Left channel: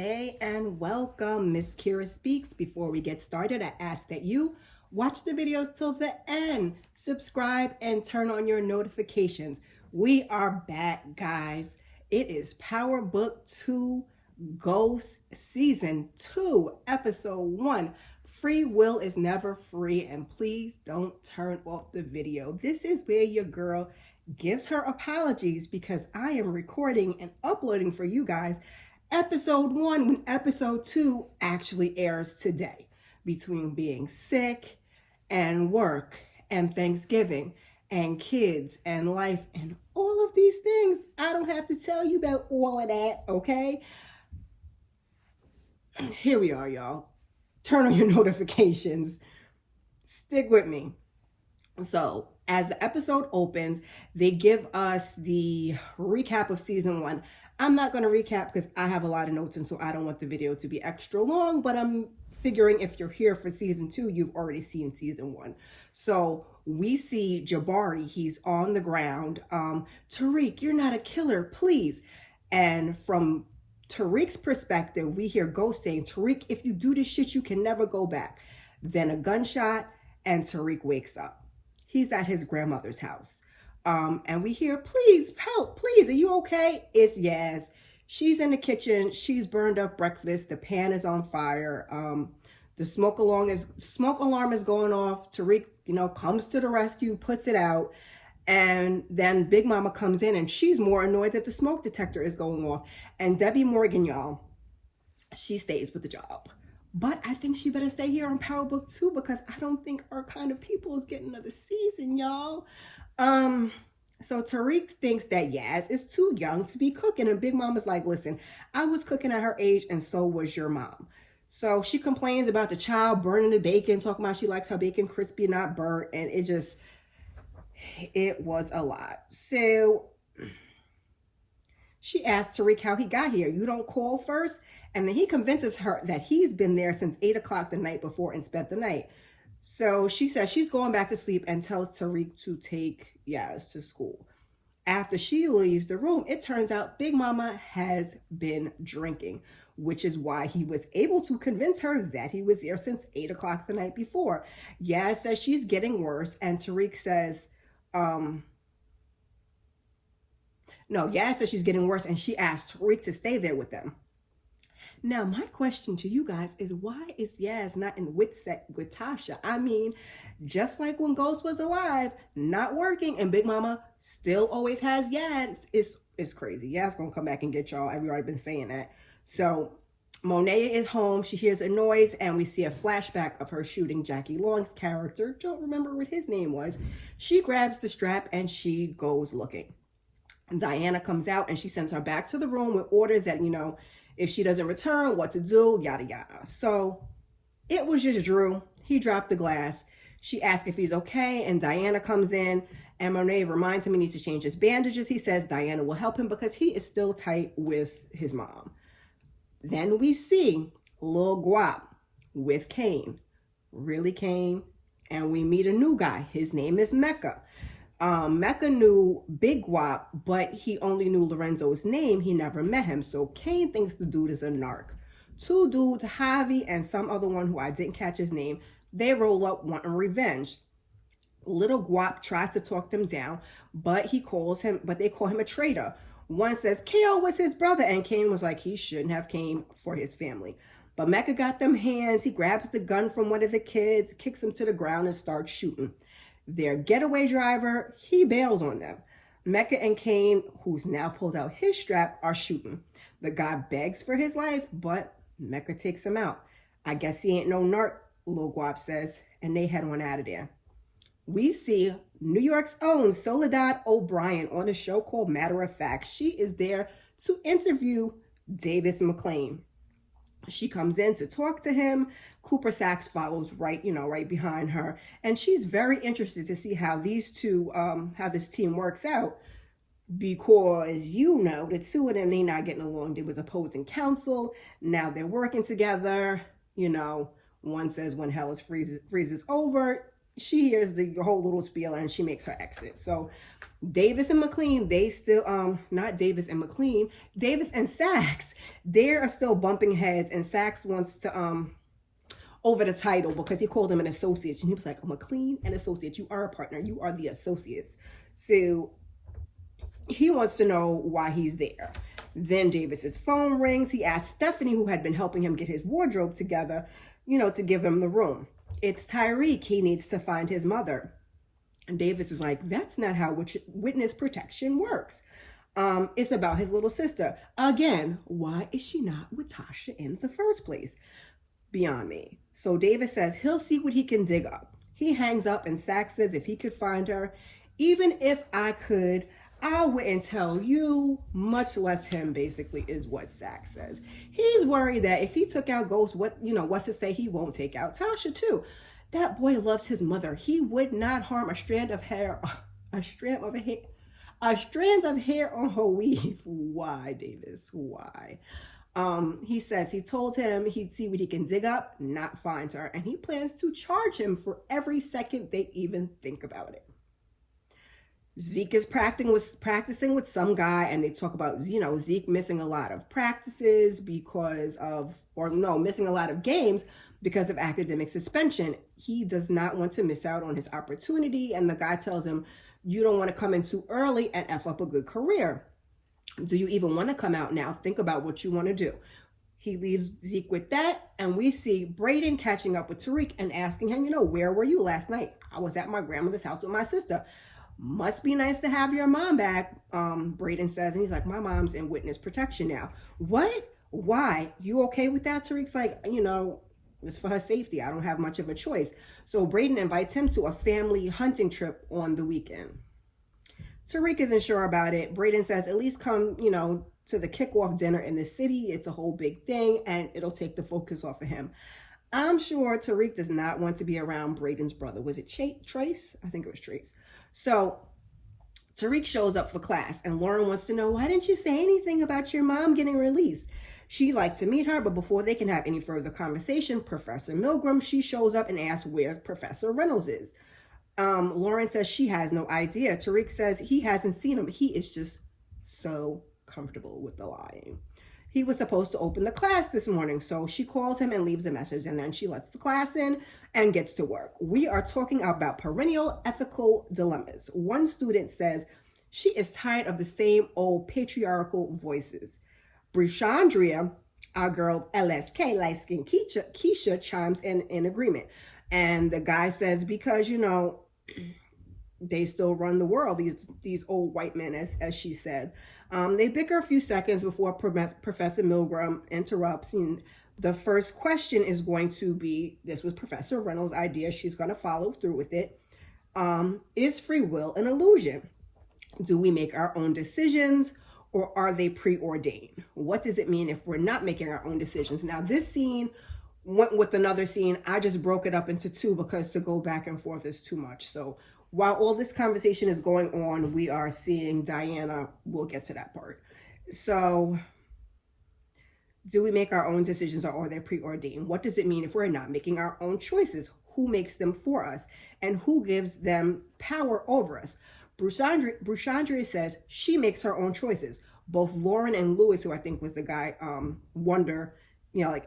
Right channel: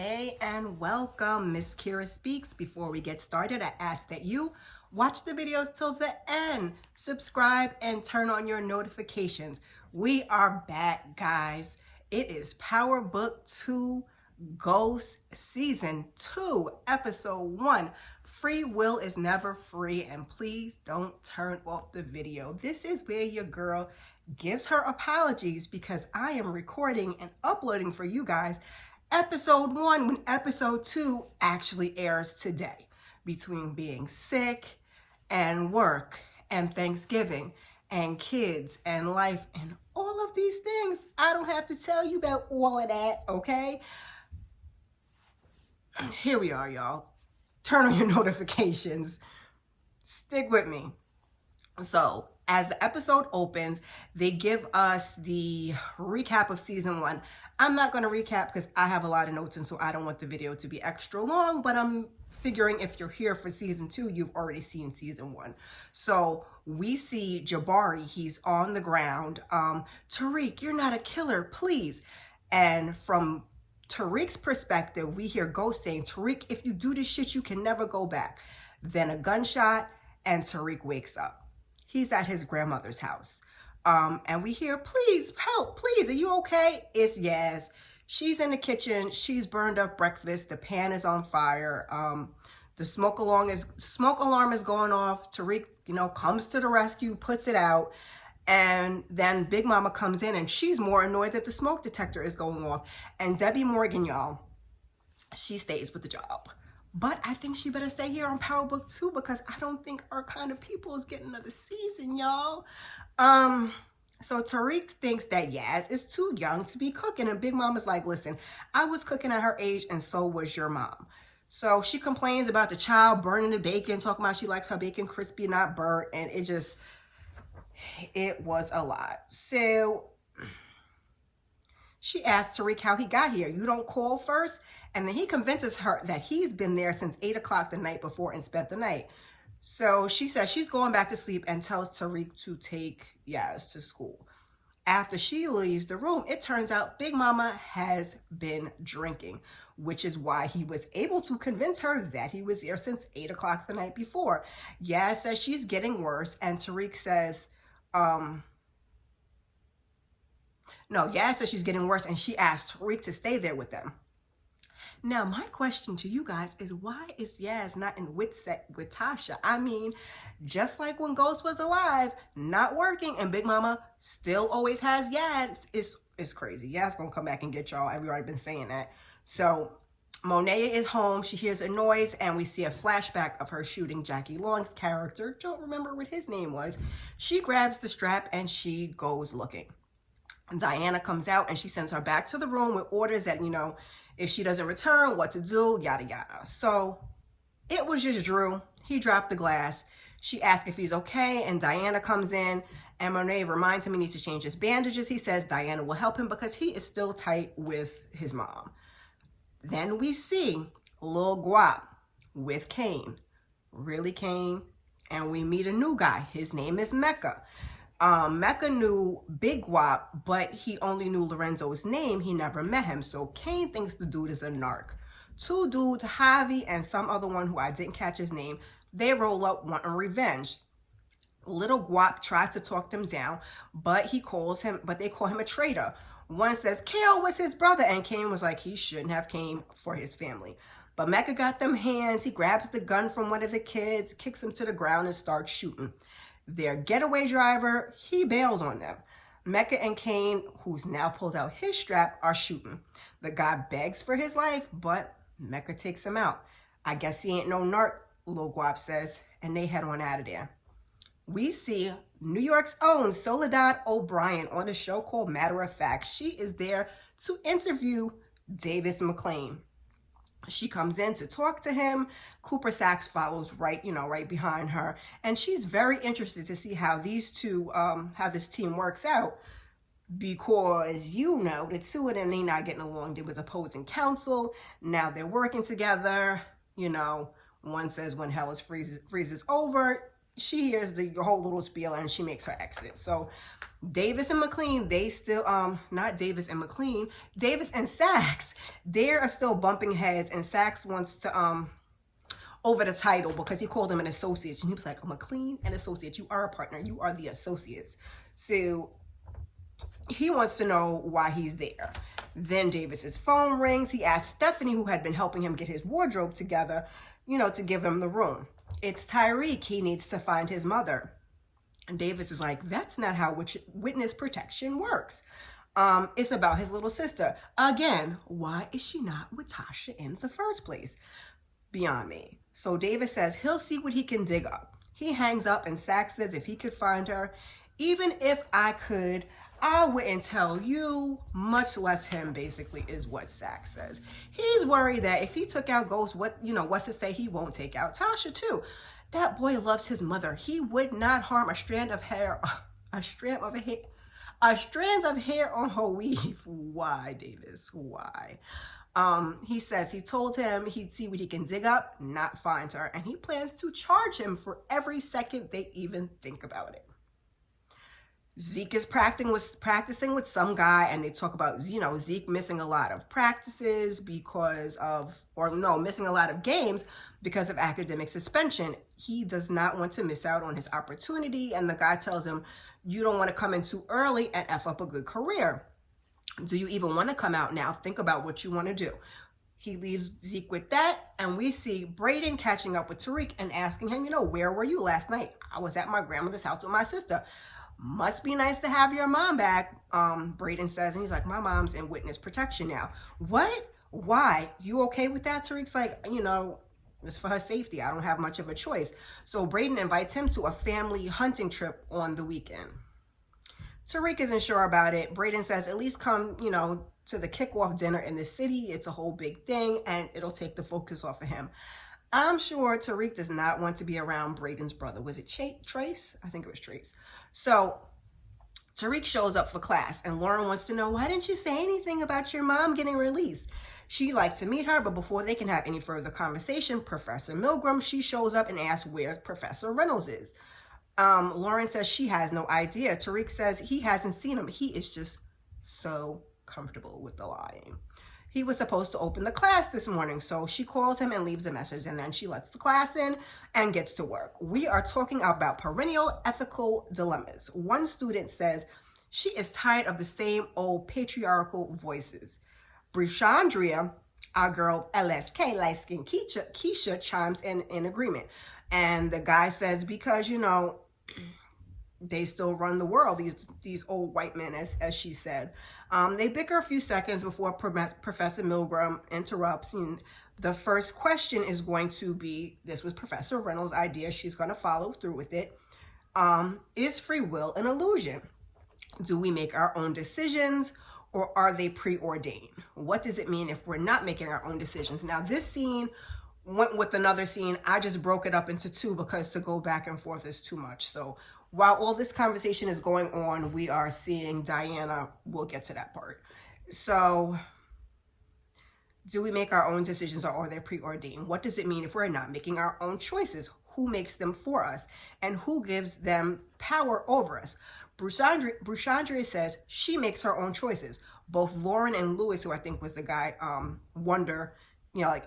Hey and welcome, msKIRAspeaks. Before we get started, I ask that you watch the videos till the end, subscribe, and turn on your notifications. We are back, guys. It is Power Book 2 Ghost Season 2, Episode 1. Free will is never free, and please don't turn off the video. This is where your girl gives her apologies because I am recording and uploading for you guys Episode 1 when Episode 2 actually airs today. Between being sick and work and Thanksgiving and kids and life and all of these things, I don't have to tell you about all of that, okay? Here we are, y'all. Turn on your notifications. Stick with me. So, as the episode opens, they give us the recap of Season 1. I'm not going to recap because I have a lot of notes and so I don't want the video to be extra long, but I'm figuring if you're here for Season 2, you've already seen Season 1. So we see Jabari, he's on the ground. Tariq, you're not a killer, please. And from Tariq's perspective, we hear Ghost saying, Tariq, if you do this shit, you can never go back. Then a gunshot and Tariq wakes up. He's at his grandmother's house. And we hear, please, help, please, are you okay? It's Yaz. She's in the kitchen. She's burned up breakfast. The pan is on fire. The smoke alarm is going off. Tariq, comes to the rescue, puts it out. And then Big Mama comes in and she's more annoyed that the smoke detector is going off. And Debbie Morgan, y'all, she stays with the job. But I think she better stay here on Power Book 2 because I don't think our kind of people is getting another season, y'all. So Tariq thinks that Yaz is too young to be cooking. And Big Mama's like, listen, I was cooking at her age and so was your mom. So she complains about the child burning the bacon, talking about she likes her bacon crispy, not burnt. And it was a lot. So she asks Tariq how he got here. You don't call first? And then he convinces her that he's been there since 8 o'clock the night before and spent the night. So she says she's going back to sleep and tells Tariq to take Yaz to school. After she leaves the room, it turns out Big Mama has been drinking, which is why he was able to convince her that he was there since 8 o'clock the night before. Yaz says she's getting worse, and Tariq says, Yaz says she's getting worse, and she asked Tariq to stay there with them. Now, my question to you guys is, why is Yaz not in Witset with Tasha? I mean, just like when Ghost was alive, not working, and Big Mama still always has Yaz. It's crazy. Yaz gonna come back and get y'all. I've already been saying that. So, Monet is home. She hears a noise, and we see a flashback of her shooting Jackie Long's character. Don't remember what his name was. She grabs the strap, and she goes looking. Diana comes out, and she sends her back to the room with orders that, if she doesn't return, what to do, yada, yada. So it was just Drew. He dropped the glass. She asks if he's okay, and Diana comes in, and Monet reminds him he needs to change his bandages. He says Diana will help him because he is still tight with his mom. Then we see Lil Guap with Kane. Really Kane. And we meet a new guy. His name is Mecca. Mecca knew Big Guap, but he only knew Lorenzo's name. He never met him. So Kane thinks the dude is a narc. Two dudes, Javi and some other one who I didn't catch his name, they roll up wanting revenge. Little Guap tries to talk them down, but they call him a traitor. One says Kale was his brother, and Kane was like, he shouldn't have came for his family. But Mecca got them hands. He grabs the gun from one of the kids, kicks him to the ground, and starts shooting. Their getaway driver, he bails on them. Mecca and Kane, who's now pulled out his strap, are shooting. The guy begs for his life, but Mecca takes him out. I guess he ain't no narc, Lil Guap says, and they head on out of there. We see New York's own Soledad O'Brien on a show called Matter of Fact. She is there to interview Davis McLean. She comes in to talk to him. Cooper Saxe follows right behind her. And she's very interested to see how these two, how this team works out. Because, the two of them, they not getting along. There was opposing counsel. Now they're working together. One says when hell freezes over, she hears the whole little spiel and she makes her exit. So Davis and McLean, they still, not Davis and McLean, Davis and Saxe, they are still bumping heads, and Saxe wants to, over the title because he called him an associate, and he was like, McLean and associate, you are a partner, you are the associates. So he wants to know why he's there. Then Davis's phone rings. He asks Stephanie, who had been helping him get his wardrobe together, to give him the room. It's Tariq. He needs to find his mother. And Davis is like, that's not how witness protection works. It's about his little sister. Again, why is she not with Tasha in the first place? Beyond me. So Davis says he'll see what he can dig up. He hangs up, and Saxe says if he could find her, even if I could, I wouldn't tell you, much less him, basically, is what Saxe says. He's worried that if he took out Ghost, what's to say he won't take out Tasha too. That boy loves his mother. He would not harm a strand of hair on her weave. Why, Davis? Why? He says he told him he'd see what he can dig up, not find her, and he plans to charge him for every second they even think about it. Zeke is practicing with some guy, and they talk about, Zeke missing a lot of practices missing a lot of games because of academic suspension. He does not want to miss out on his opportunity, and the guy tells him, you don't want to come in too early and F up a good career. Do you even want to come out now? Think about what you want to do. He leaves Zeke with that, and we see Brayden catching up with Tariq and asking him, where were you last night? I was at my grandmother's house with my sister. Must be nice to have your mom back, Brayden says, and he's like, my mom's in witness protection now. What? Why? You okay with that? Tariq's like, it's for her safety. I don't have much of a choice. So Brayden invites him to a family hunting trip on the weekend. Tariq isn't sure about it. Brayden says, at least come, to the kickoff dinner in the city. It's a whole big thing, and it'll take the focus off of him. I'm sure Tariq does not want to be around Brayden's brother. Was it Trace? I think it was Trace. So Tariq shows up for class, and Lauren wants to know, why didn't you say anything about your mom getting released? She'd like to meet her, but before they can have any further conversation, Professor Milgram, she shows up and asks where Professor Reynolds is. Lauren says she has no idea. Tariq says he hasn't seen him. He is just so comfortable with the lying. He was supposed to open the class this morning, so she calls him and leaves a message, and then she lets the class in and gets to work. We are talking about perennial ethical dilemmas. One student says she is tired of the same old patriarchal voices. Brushandria, our girl LSK, light-skinned Keisha, chimes in agreement. And the guy says, because, they still run the world, these old white men, as she said. They bicker a few seconds before Professor Milgram interrupts. And the first question is going to be, this was Professor Reynolds' idea. She's going to follow through with it. Is free will an illusion? Do we make our own decisions, or are they preordained? What does it mean if we're not making our own decisions? Now, this scene went with another scene. I just broke it up into two because to go back and forth is too much. So while all this conversation is going on, we are seeing Diana. We'll get to that part. So do we make our own decisions, or are they preordained? What does it mean if we're not making our own choices? Who makes them for us, and who gives them power over us? Brushandria says she makes her own choices. Both Lauren and Lewis, who I think was the guy, wonder,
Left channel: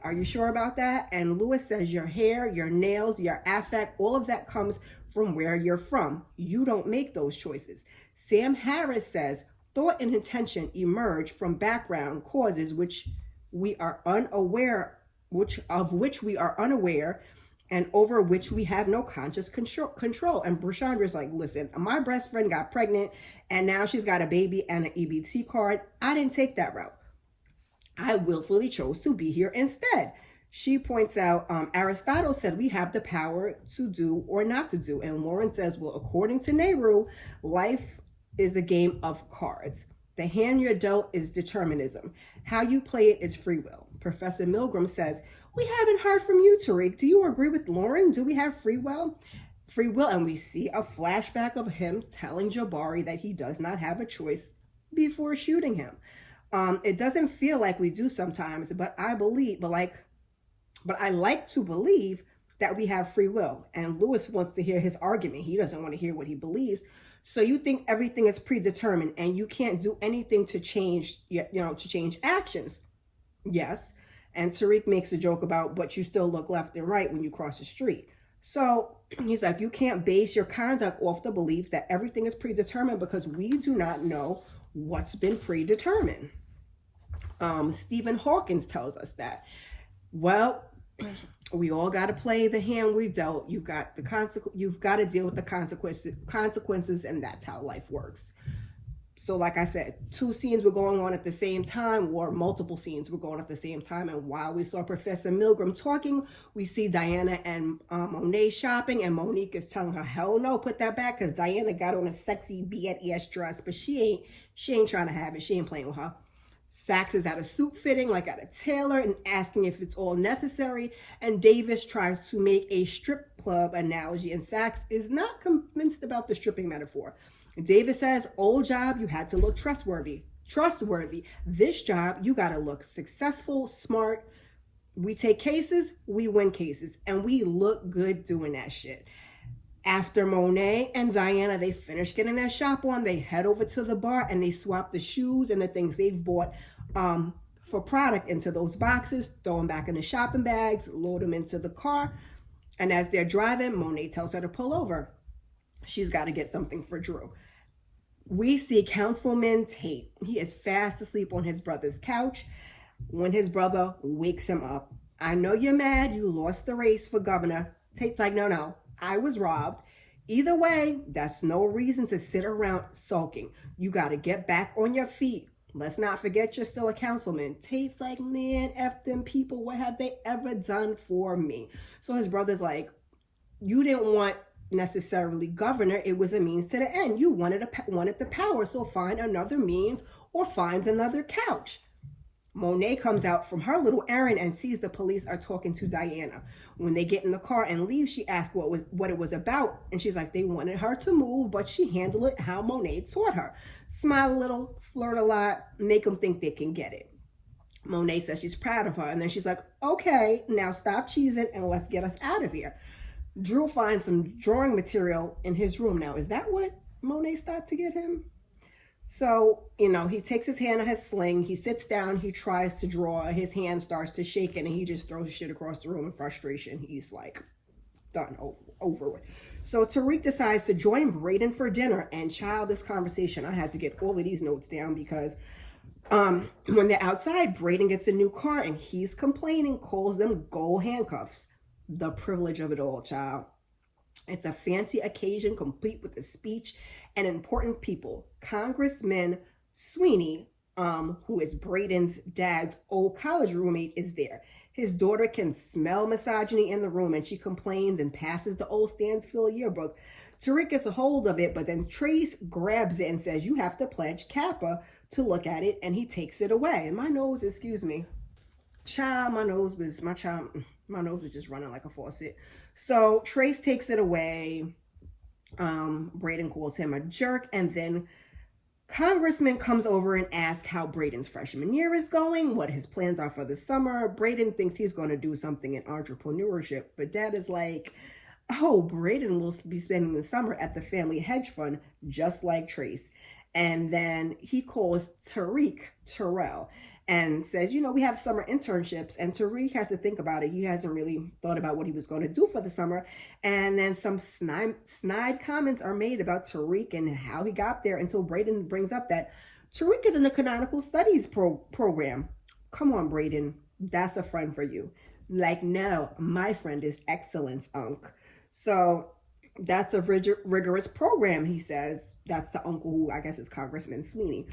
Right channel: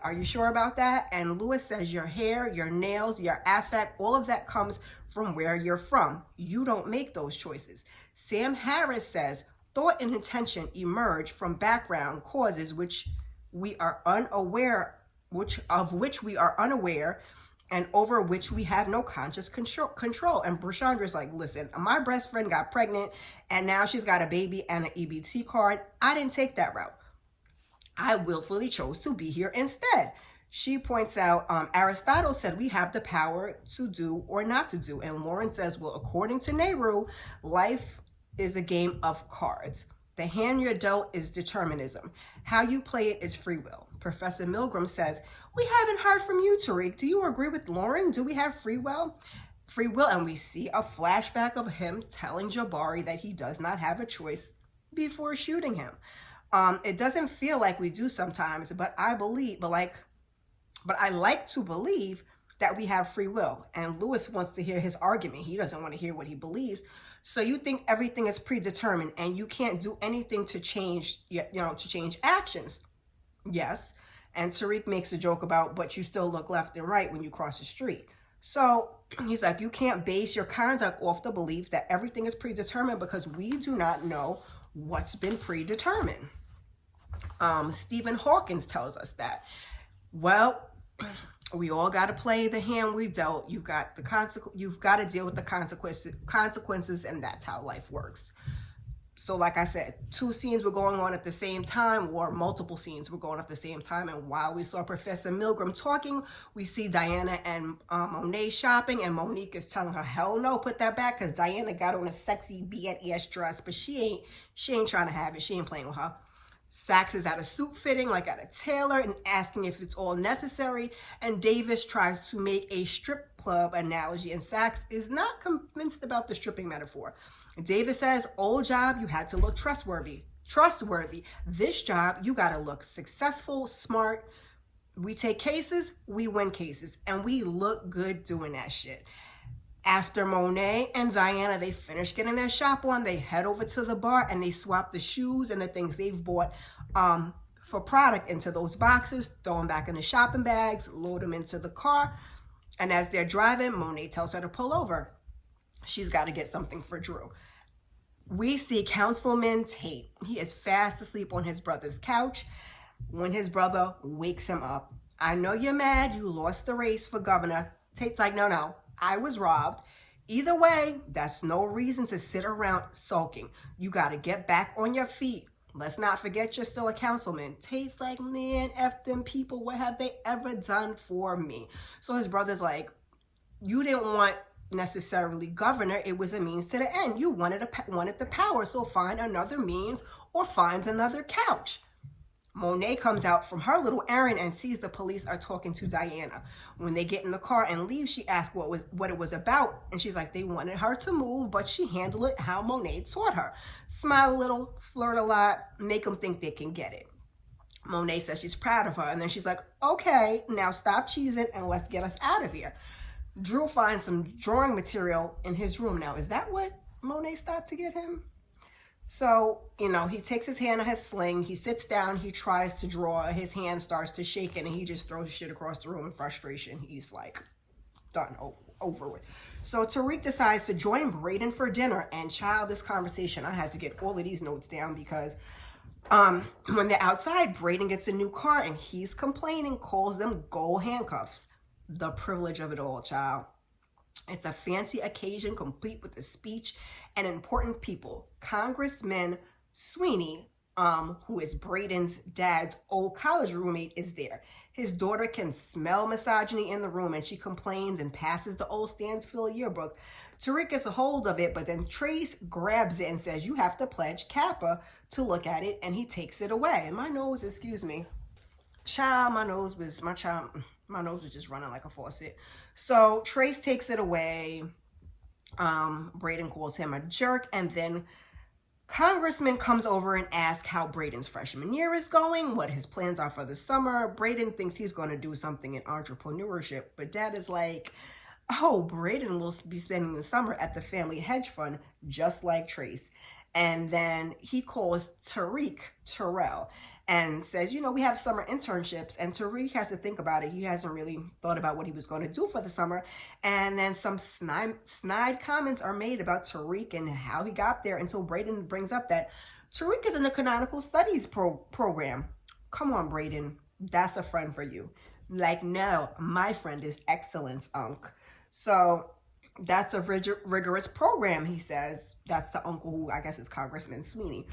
are you sure about that? And Lewis says your hair, your nails, your affect, all of that comes from where you're from. You don't make those choices. Sam Harris says thought and intention emerge from background causes which we are unaware, and over which we have no conscious control. And Brushandra's like, listen, my best friend got pregnant, and now she's got a baby and an EBT card. I didn't take that route. I willfully chose to be here instead. She points out, Aristotle said we have the power to do or not to do. And Lauren says, well, according to Nehru, life is a game of cards. The hand you're dealt is determinism. How you play it is free will. Professor Milgram says, we haven't heard from you, Tariq. Do you agree with Lauren? Do we have free will? And we see a flashback of him telling Jabari that he does not have a choice before shooting him. It doesn't feel like we do sometimes, but I like to believe that we have free will. And Lewis wants to hear his argument. He doesn't want to hear what he believes. So you think everything is predetermined and you can't do anything to change, to change actions. Yes. And Tariq makes a joke about, but you still look left and right when you cross the street. So he's like, you can't base your conduct off the belief that everything is predetermined because we do not know what's been predetermined. Stephen Hawkins tells us that. Well, we all got to play the hand we dealt. You've got to deal with the consequences, and that's how life works. So like I said, 2 scenes were going on at the same time, or multiple scenes were going on at the same time. And while we saw Professor Milgram talking, we see Diana and Monet shopping, and Monique is telling her, hell no, put that back, because Diana got on a sexy B&S dress, but she ain't trying to have it. She ain't playing with her. Saxe is at a suit fitting, like at a tailor, and asking if it's all necessary. And Davis tries to make a strip club analogy, and Saxe is not convinced about the stripping metaphor. Davis says, old job, you had to look trustworthy. This job, you got to look successful, smart. We take cases, we win cases, and we look good doing that shit. After Monet and Diana, they finish getting their shop on, they head over to the bar and they swap the shoes and the things they've bought for product into those boxes, throw them back in the shopping bags, load them into the car. And as they're driving, Monet tells her to pull over. She's got to get something for Drew. We see Councilman Tate. He is fast asleep on his brother's couch when his brother wakes him up. I know you're mad. You lost the race for governor. Tate's like, no, I was robbed. Either way, that's no reason to sit around sulking. You got to get back on your feet. Let's not forget you're still a councilman. Tate's like, man, F them people. What have they ever done for me? So his brother's like, you didn't want necessarily governor. It was a means to the end. You wanted the power. So find another means or find another couch. Monet comes out from her little errand and sees the police are talking to Diana. When they get in the car and leave, she asks what it was about. And she's like, they wanted her to move, but she handled it how Monet taught her. Smile a little, flirt a lot, make them think they can get it. Monet says she's proud of her. And then she's like, okay, now stop cheesing and let's get us out of here. Drew finds some drawing material in his room. Now, is that what Monet stopped to get him? So, he takes his hand on his sling, he sits down, he tries to draw, his hand starts to shake and he just throws shit across the room in frustration. He's like, done, over with. So Tariq decides to join Brayden for dinner, and child, this conversation, I had to get all of these notes down because when they're outside, Brayden gets a new car and he's complaining, calls them gold handcuffs. The privilege of it all, child. It's a fancy occasion complete with a speech and important people. Congressman Sweeney, who is Brayden's dad's old college roommate, is there. His daughter can smell misogyny in the room and she complains and passes the old Stansfield yearbook. Tariq gets a hold of it, but then Trace grabs it and says, you have to pledge Kappa to look at it, and he takes it away. And my nose was just running like a faucet. So Trace takes it away. Brayden calls him a jerk, and then Congressman comes over and asks how Brayden's freshman year is going, what his plans are for the summer. Brayden thinks he's going to do something in entrepreneurship, but Dad is like, oh, Brayden will be spending the summer at the family hedge fund, just like Trace. And then he calls Terrell, and says, we have summer internships, and Tariq has to think about it. He hasn't really thought about what he was going to do for the summer. And then some snide comments are made about Tariq and how he got there until Brayden brings up that Tariq is in the canonical studies program. Come on, Brayden, that's a friend for you. Like, no, my friend is excellence, Unc. So that's a rigorous program, he says. That's the uncle who I guess is Congressman Sweeney.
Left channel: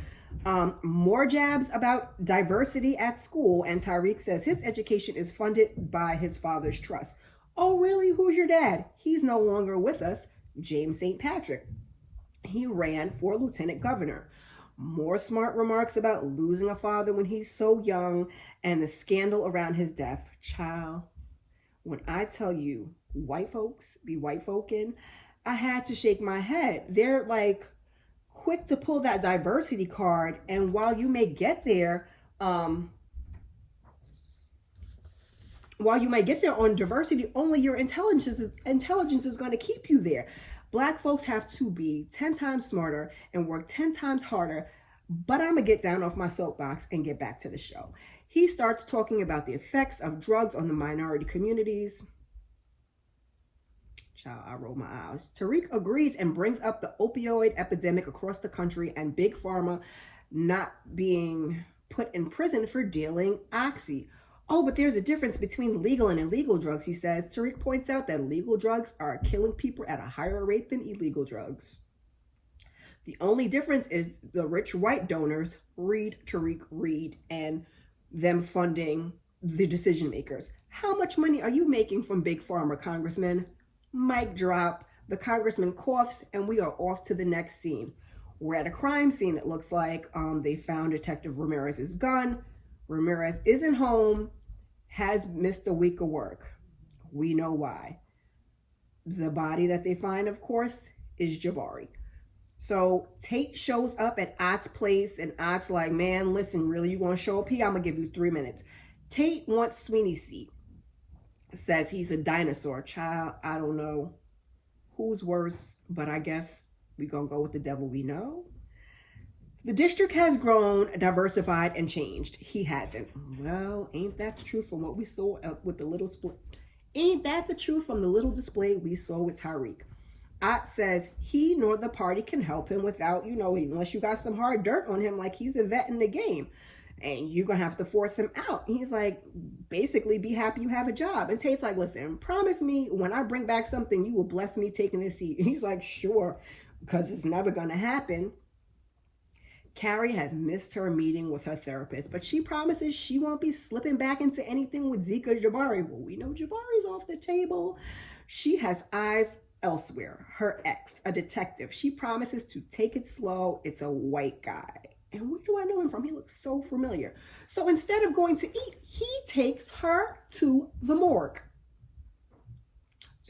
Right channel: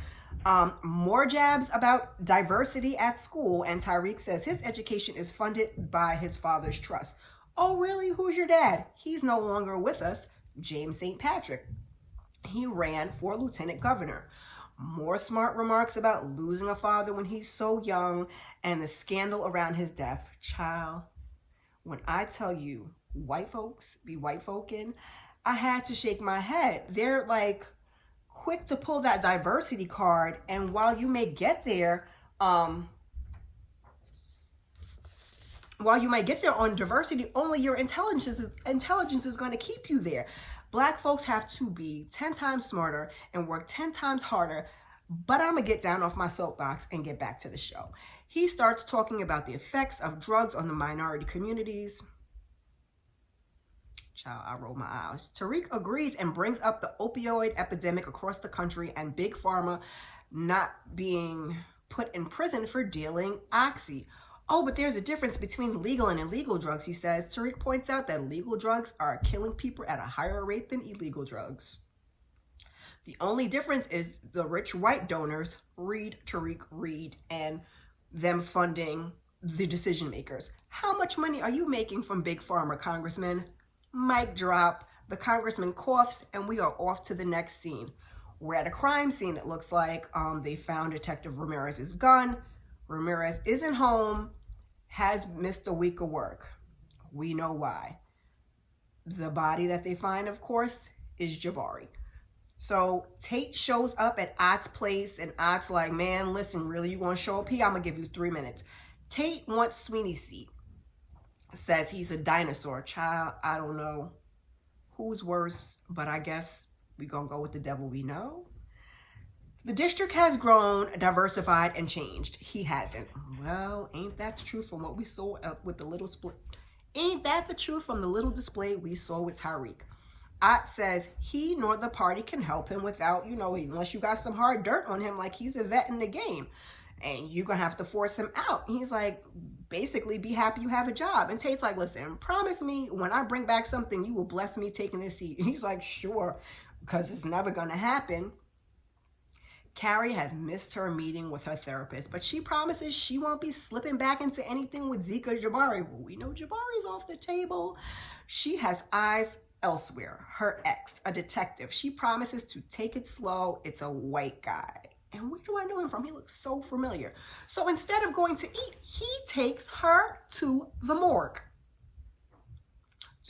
More jabs about diversity at school, and Tariq says his education is funded by his father's trust. Oh, really? Who's your dad? He's no longer with us. James St. Patrick. He ran for lieutenant governor. More smart remarks about losing a father when he's so young and the scandal around his death. Child, when I tell you white folks be white folkin', I had to shake my head. They're like quick to pull that diversity card, and while you may get there, While you might get there on diversity, only your intelligence is going to keep you there. Black folks have to be 10 times smarter and work 10 times harder. But I'm going to get down off my soapbox and get back to the show. He starts talking about the effects of drugs on the minority communities. Child, I roll my eyes. Tariq agrees and brings up the opioid epidemic across the country and Big Pharma not being put in prison for dealing oxy. Oh, but there's a difference between legal and illegal drugs, he says. Tariq points out that legal drugs are killing people at a higher rate than illegal drugs. The only difference is the rich white donors, read Tariq, read, and them funding the decision makers. How much money are you making from Big Pharma, Congressman? Mic drop. The congressman coughs, and we are off to the next scene. We're at a crime scene, it looks like. They found Detective Ramirez's gun. Ramirez isn't home, has missed a week of work. We know why. The body that they find, of course, is Jabari. So Tate shows up at Ott's place, and Ott's like, man, listen, really, you gonna show up here? I'm gonna give you 3 minutes. Tate wants Sweeney's seat. Says he's a dinosaur. Child, I don't know who's worse, but I guess we gonna go with the devil we know. The district has grown, diversified, and changed. He hasn't. Well, ain't that the truth from what we saw with the little split? Ain't that the truth from the little display we saw with Tariq? Ott says he nor the party can help him without, unless you got some hard dirt on him, like he's a vet in the game. And you're going to have to force him out. And he's like, basically, be happy you have a job. And Tate's like, listen, promise me when I bring back something, you will bless me taking this seat. And he's like, sure, because it's never going to happen. Carrie has missed her meeting with her therapist, but she promises she won't be slipping back into anything with Zeke or Jabari. Well, we know Jabari's off the table. She has eyes elsewhere. Her ex, a detective. She promises to take it slow. It's a white guy. And where do I know him from? He looks so familiar. So instead of going to eat, he takes her to the morgue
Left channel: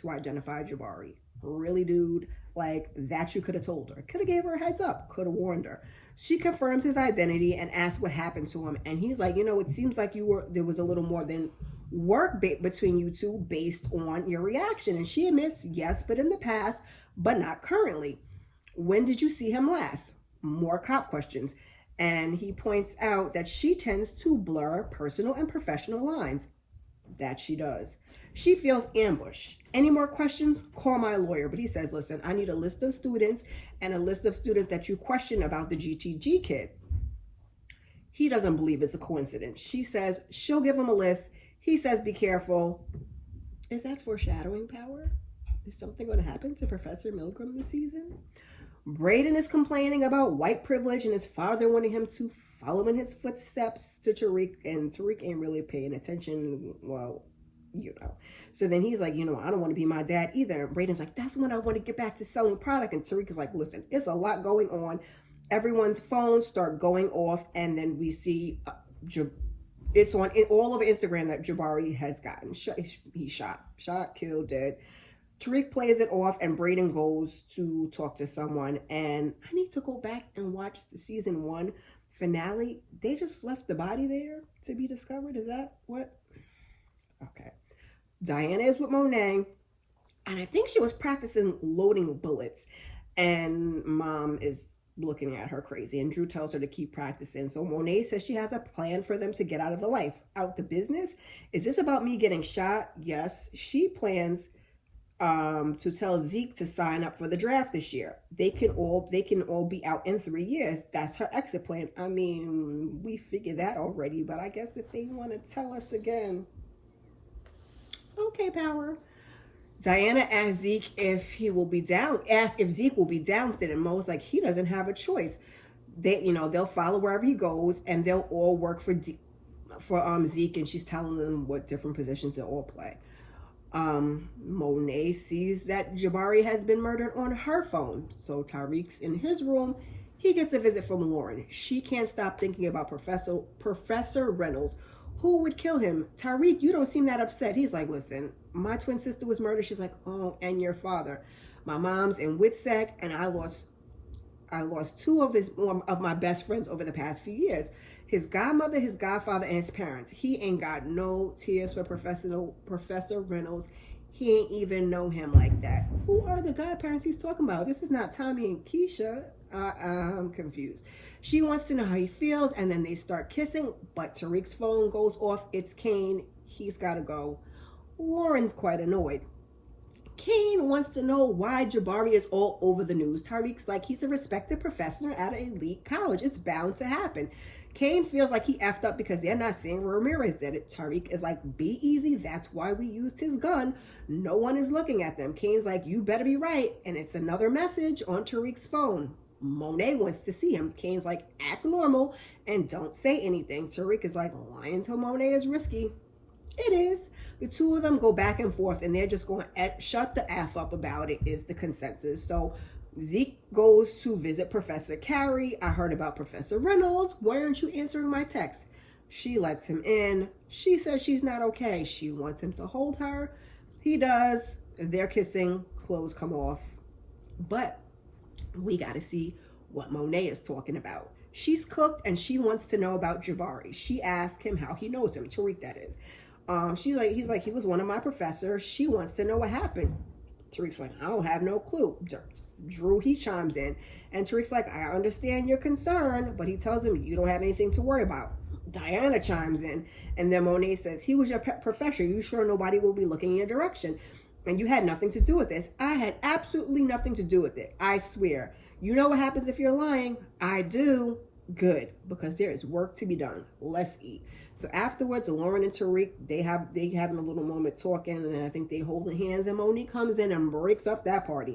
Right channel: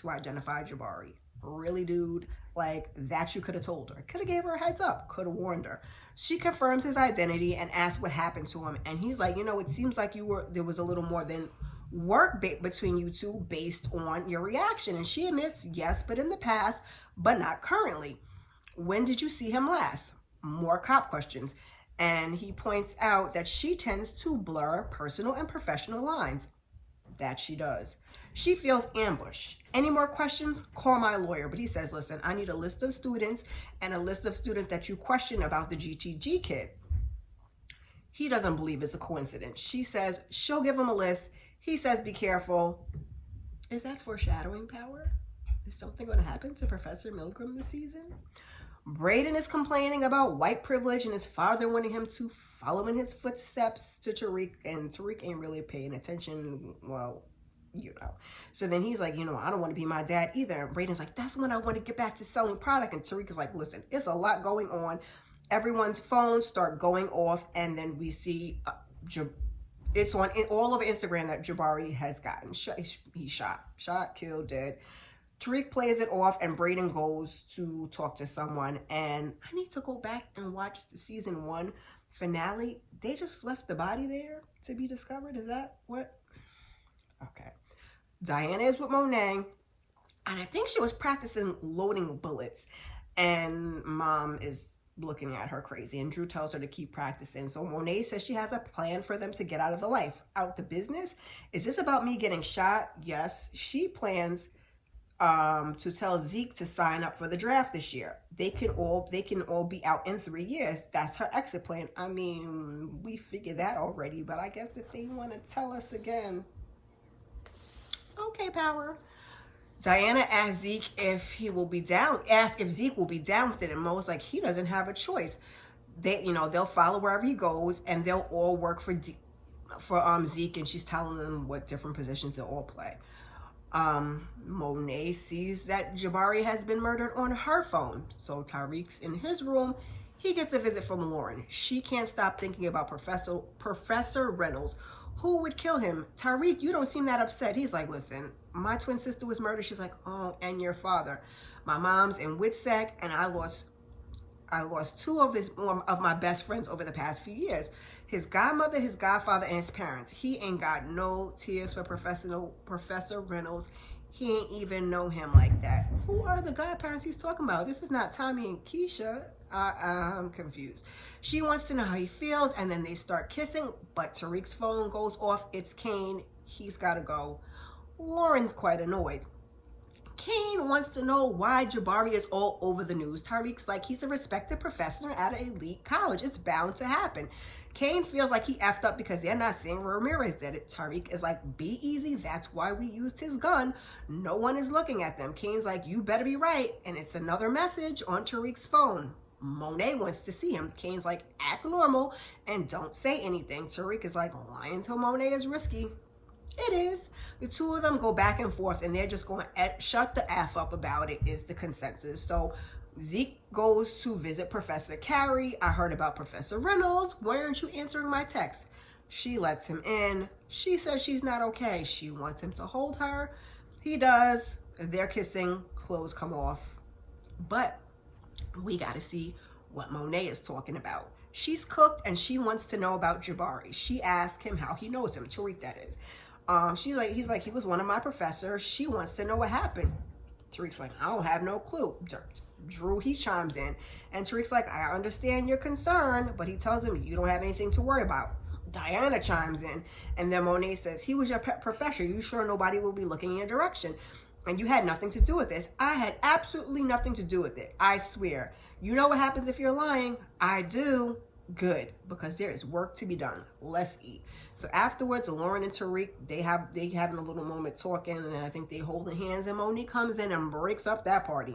to identify Jabari. Really, dude? Like, that you could have told her. Could have gave her a heads up. Could have warned her. She confirms his identity and asks what happened to him. And he's like, it seems like there was a little more than work between you two based on your reaction. And she admits, yes, but in the past, but not currently. When did you see him last? More cop questions. And he points out that she tends to blur personal and professional lines. That she does. She feels ambushed. Any more questions? Call my lawyer. But he says, listen, I need a list of students and a list of students that you question about the GTG kid. He doesn't believe it's a coincidence. She says she'll give him a list. He says, be careful. Is that foreshadowing power? Is something going to happen to Professor Milgram this season? Brayden is complaining about white privilege and his father wanting him to follow in his footsteps to Tariq, and Tariq ain't really paying attention. Well, So then he's like, I don't want to be my dad either. And Brayden's like, that's when I want to get back to selling product. And Tariq is like, listen, it's a lot going on. Everyone's phones start going off, and then we see it's on all over Instagram that Jabari has gotten he's shot, killed, dead. Tariq plays it off, and Brayden goes to talk to someone. And I need to go back and watch the season 1 finale. They just left the body there to be discovered. Is that what? Okay. Diana is with Monet, and I think she was practicing loading bullets. And Mom is looking at her crazy, and Drew tells her to keep practicing. So Monet says she has a plan for them to get out of the life. Out the business? Is this about me getting shot? Yes. She plans to tell Zeke to sign up for the draft this year. They can all be out in 3 years. That's her exit plan. I mean, we figured that already, but I guess if they want to tell us again. Okay, Power. Diana asked Zeke if he will be down. Asked if Zeke will be down with it, and Mo's like, he doesn't have a choice. They'll follow wherever he goes, and they'll all work for Zeke, and she's telling them what different positions they'll all play. Monet sees that Jabari has been murdered on her phone. So Tariq's in his room. He gets a visit from Lauren. She can't stop thinking about Professor Reynolds. Who would kill him? Tariq, you don't seem that upset. He's like, listen, my twin sister was murdered. She's like, oh, and your father. My mom's in WITSEC, and I lost 2 of my best friends over the past few years. his godmother, his godfather, and his parents. He ain't got no tears for Professor Reynolds. He ain't even know him like that. Who are the godparents he's talking about? This is not Tommy and Keisha. I'm confused. She wants to know how he feels, and then they start kissing, but Tariq's phone goes off. It's Kane. He's got to go. Lauren's quite annoyed. Kane wants to know why Jabari is all over the news. Tariq's like, he's a respected professor at an elite college. It's bound to happen. Kane feels like he effed up because they're not saying Ramirez did it. Tariq is like, be easy. That's why we used his gun. No one is looking at them. Kane's like, you better be right. And it's another message on Tariq's phone. Monet wants to see him. Kane's like, act normal and don't say anything. Tariq is like, lying to Monet is risky. It is. The two of them go back and forth, and they're just going to shut the F up about it is the consensus. So Zeke goes to visit Professor Carey. I heard about Professor Reynolds. Why aren't you answering my text? She lets him in. She says she's not okay. She wants him to hold her. He does. They're kissing. Clothes come off. But we got to see what Monet is talking about. She's cooked, and she wants to know about Jabari. She asked him how he knows him. Tariq, that is. He's like, he was one of my professors. She wants to know what happened. Tariq's like, I don't have no clue. Drew, he chimes in. And Tariq's like, I understand your concern, but he tells him, you don't have anything to worry about. Diana chimes in. And then Monet says, he was your professor. You sure nobody will be looking in your direction? And you had nothing to do with this. I had absolutely nothing to do with it. I swear. You know what happens if you're lying? I do. Good, because there is work to be done. Let's eat. So afterwards, Lauren and Tariq, they having a little moment talking, and then I think they holding hands, and Monique comes in and breaks up that party.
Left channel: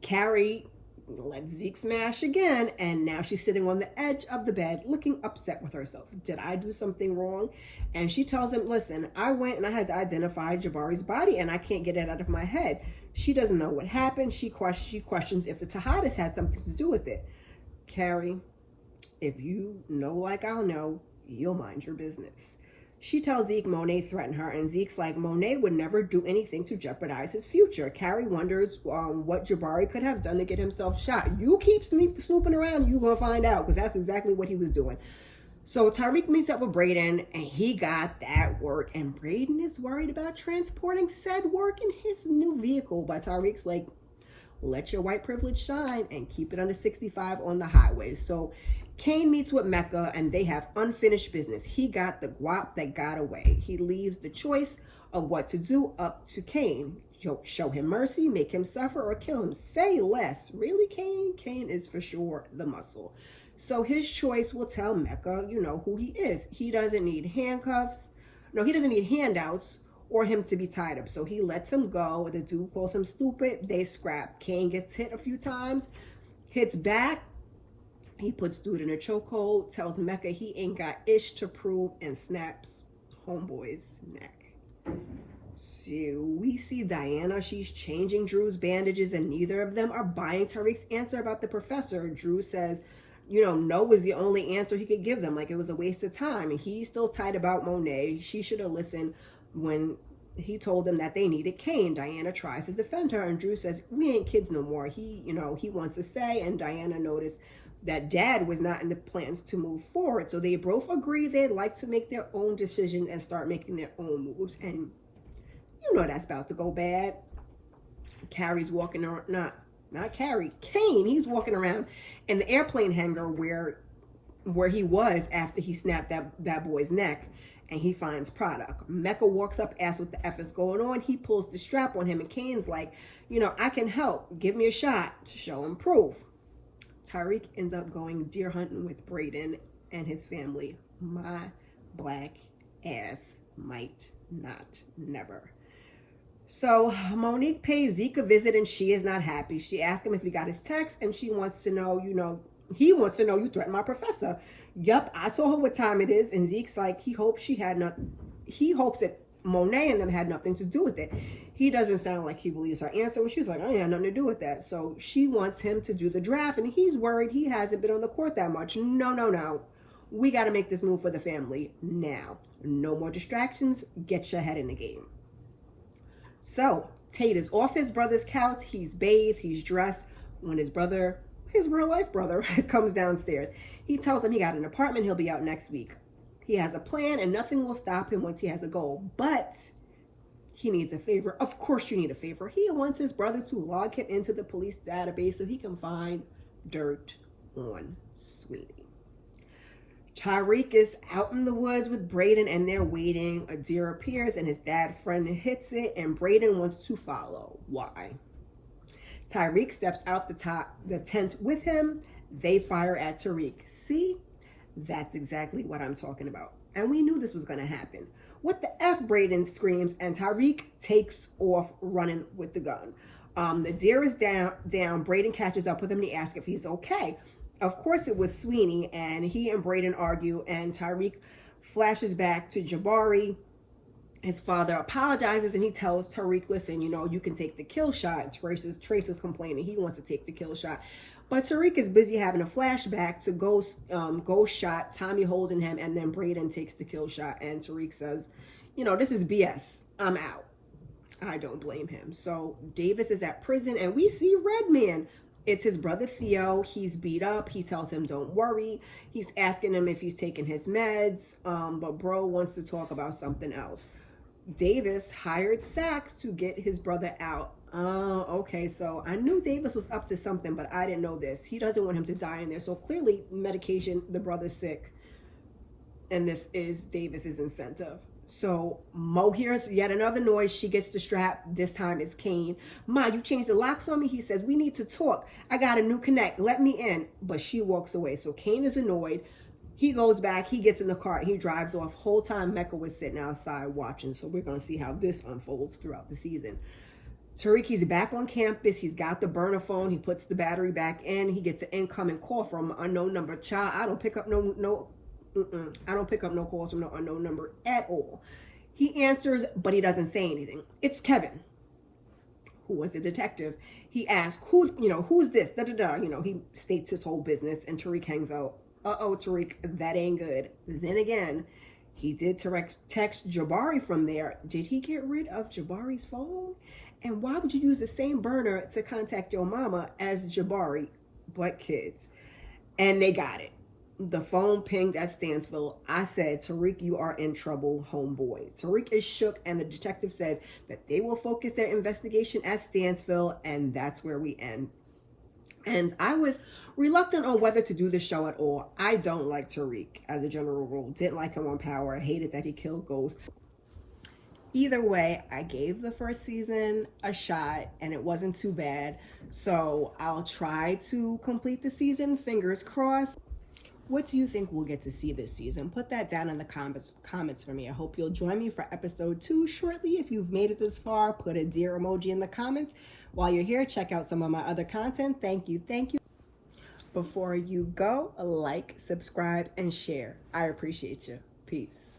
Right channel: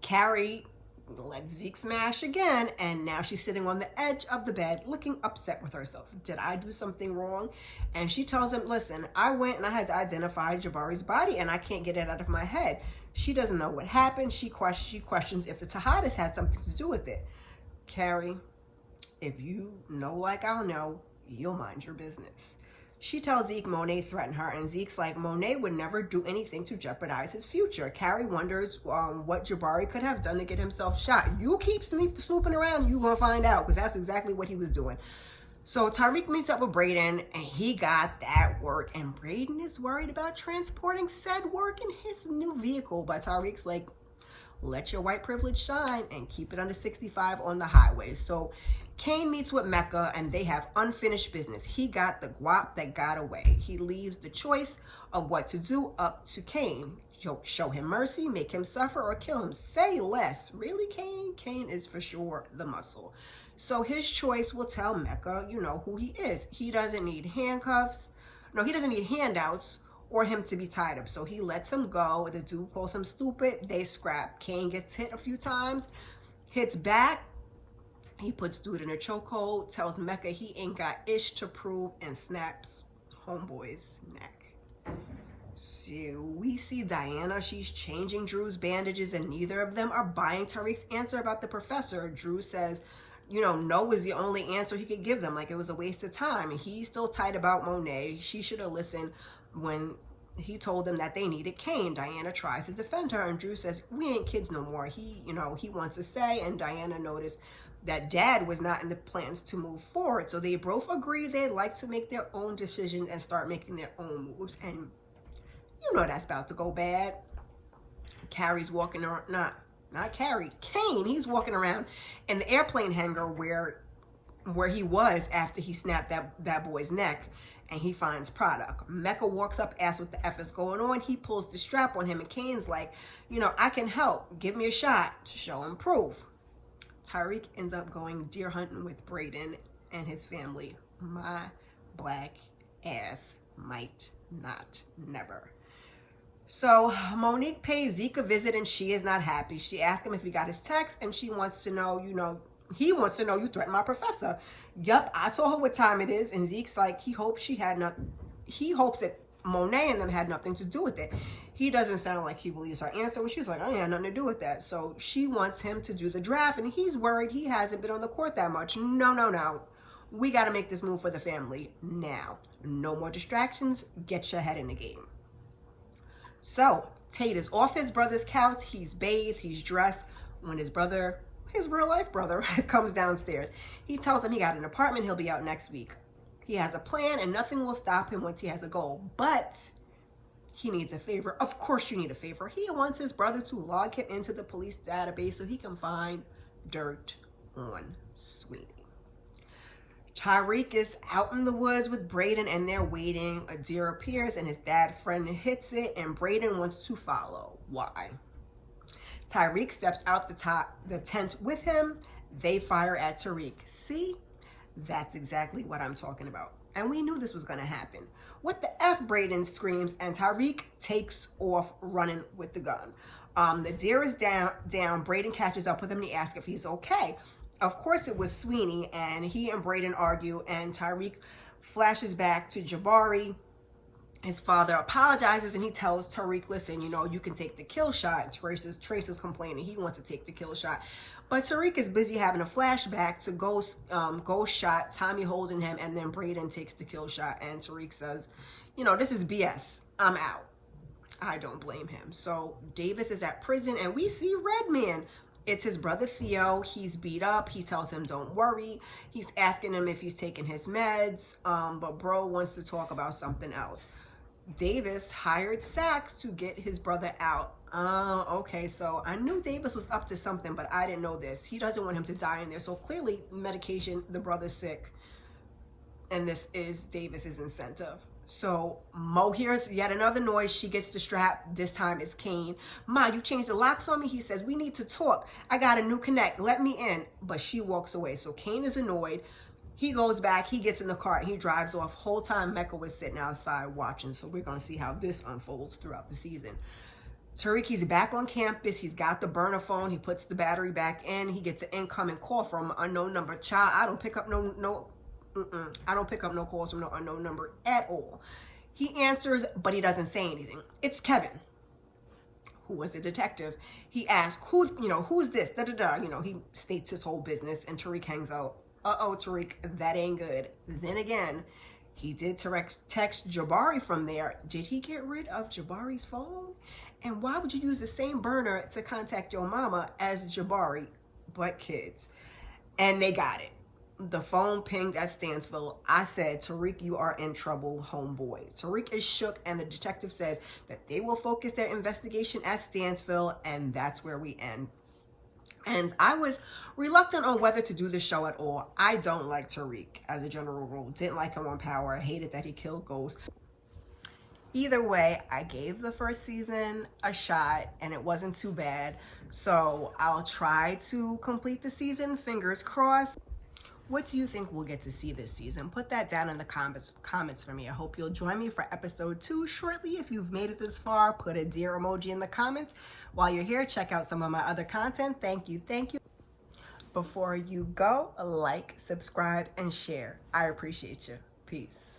Carrie lets Zeke smash again, and now she's sitting on the edge of the bed, looking upset with herself. Did I do something wrong? And she tells him, listen, I went and I had to identify Jabari's body, and I can't get it out of my head. She doesn't know what happened. She questions if the Tejadas had something to do with it. Carrie, if you know like I'll know, you'll mind your business. She tells Zeke Monet threatened her, and Zeke's like, Monet would never do anything to jeopardize his future. Carrie wonders what Jabari could have done to get himself shot. You keep snooping around, you're going to find out, because that's exactly what he was doing. So Tariq meets up with Brayden, and he got that work, and Brayden is worried about transporting said work in his new vehicle, but Tariq's like, let your white privilege shine and keep it under 65 on the highway. So Kane meets with Mecca, and they have unfinished business. He got the guap that got away. He leaves the choice of what to do up to Kane. Show him mercy, make him suffer, or kill him. Say less. Really, Kane? Kane is for sure the muscle. So his choice will tell Mecca, who he is. He doesn't need handcuffs. No, he doesn't need handouts or him to be tied up. So he lets him go. The dude calls him stupid. They scrap. Kane gets hit a few times, hits back. He puts dude in a chokehold, tells Mecca he ain't got ish to prove, and snaps homeboy's neck. So we see Diana. She's changing Drew's bandages, and neither of them are buying Tariq's answer about the professor. Drew says, no was the only answer he could give them. Like it was a waste of time. And he's still tight about Monet. She should have listened when he told them that they needed Kane. Diana tries to defend her, and Drew says, we ain't kids no more. He wants to say, and Diana noticed that Dad was not in the plans to move forward. So they both agree they'd like to make their own decisions and start making their own moves. And that's about to go bad. Carrie's walking around, not Carrie, Kane. He's walking around in the airplane hangar where he was after he snapped that boy's neck, and he finds product. Mecca walks up, asks what the F is going on. He pulls the strap on him, and Kane's like, I can help. Give me a shot to show him proof. Tariq ends up going deer hunting with Brayden and his family. My black ass might not never. So Monique pays Zeke a visit, and she is not happy. She asks him if he got his text, and she wants to know, he wants to know you threatened my professor. Yup, I told her what time it is, and Zeke's like, he hopes that Monet and them had nothing to do with it. He doesn't sound like he believes her answer. She's like, I ain't had nothing to do with that. So she wants him to do the draft, and he's worried he hasn't been on the court that much. No. We got to make this move for the family now. No more distractions. Get your head in the game. So Tate is off his brother's couch. He's bathed. He's dressed when his real life brother, comes downstairs. He tells him he got an apartment, he'll be out next week. He has a plan and nothing will stop him once he has a goal, but he needs a favor. Of course you need a favor. He wants his brother to log him into the police database so he can find dirt on Sweeney. Tariq is out in the woods with Brayden and they're waiting. A deer appears and his dad friend hits it and Brayden wants to follow. Why? Tariq steps out the tent with him. They fire at Tariq. See? That's exactly what I'm talking about. And we knew this was going to happen. What the F, Brayden screams, and Tariq takes off running with the gun. The deer is down. Brayden catches up with him and he asks if he's okay. Of course it was Sweeney, and he and Brayden argue, and Tariq flashes back to Jabari. His father apologizes and he tells Tariq, listen, you know, you can take the kill shot. Trace is complaining. He wants to take the kill shot. But Tariq is busy having a flashback to Ghost shot, Tommy holding him, and then Brayden takes the kill shot. And Tariq says, you know, this is BS. I'm out. I don't blame him. So Davis is at prison and we see Redman. It's his brother Theo. He's beat up. He tells him, don't worry. He's asking him if he's taking his meds. But bro wants to talk about something else. Davis hired Saxe to get his brother out. Oh, okay. So I knew Davis was up to something, but I didn't know this. He doesn't want him to die in there. So clearly medication, the brother's sick. And this is Davis's incentive. So Mo hears yet another noise. She gets the strap. This time it's Kane. Ma, you changed the locks on me? He says, we need to talk. I got a new connect. Let me in. But she walks away. So Kane is annoyed. He goes back. He gets in the car and he drives off. Whole time Mecca was sitting outside watching. So we're going to see how this unfolds throughout the season. Tariq, he's back on campus. He's got the burner phone. He puts the battery back in. He gets an incoming call from an unknown number. Child, I don't pick up I don't pick up no calls from no unknown number at all. He answers, but he doesn't say anything. It's Kevin, who was a detective. He asks, who's this? He states his whole business, and Tariq hangs out. Uh-oh, Tariq, that ain't good. Then again, he did text Jabari from there. Did he get rid of Jabari's phone? And why would you use the same burner to contact your mama as Jabari, but kids? And they got it. The phone pinged at Stansville. I said, Tariq, you are in trouble, homeboy. Tariq is shook, and the detective says that they will focus their investigation at Stansville, and that's where we end. And I was reluctant on whether to do the show at all. I don't like Tariq as a general rule. Didn't like him on Power. Hated that he killed Ghost. Either way, I gave the first season a shot, and it wasn't too bad. So I'll try to complete the season, fingers crossed. What do you think we'll get to see this season? Put that down in the comments for me. I hope you'll join me for episode 2 shortly. If you've made it this far, put a deer emoji in the comments. While you're here, check out some of my other content. Thank you. Before you go, like, subscribe, and share. I appreciate you. Peace.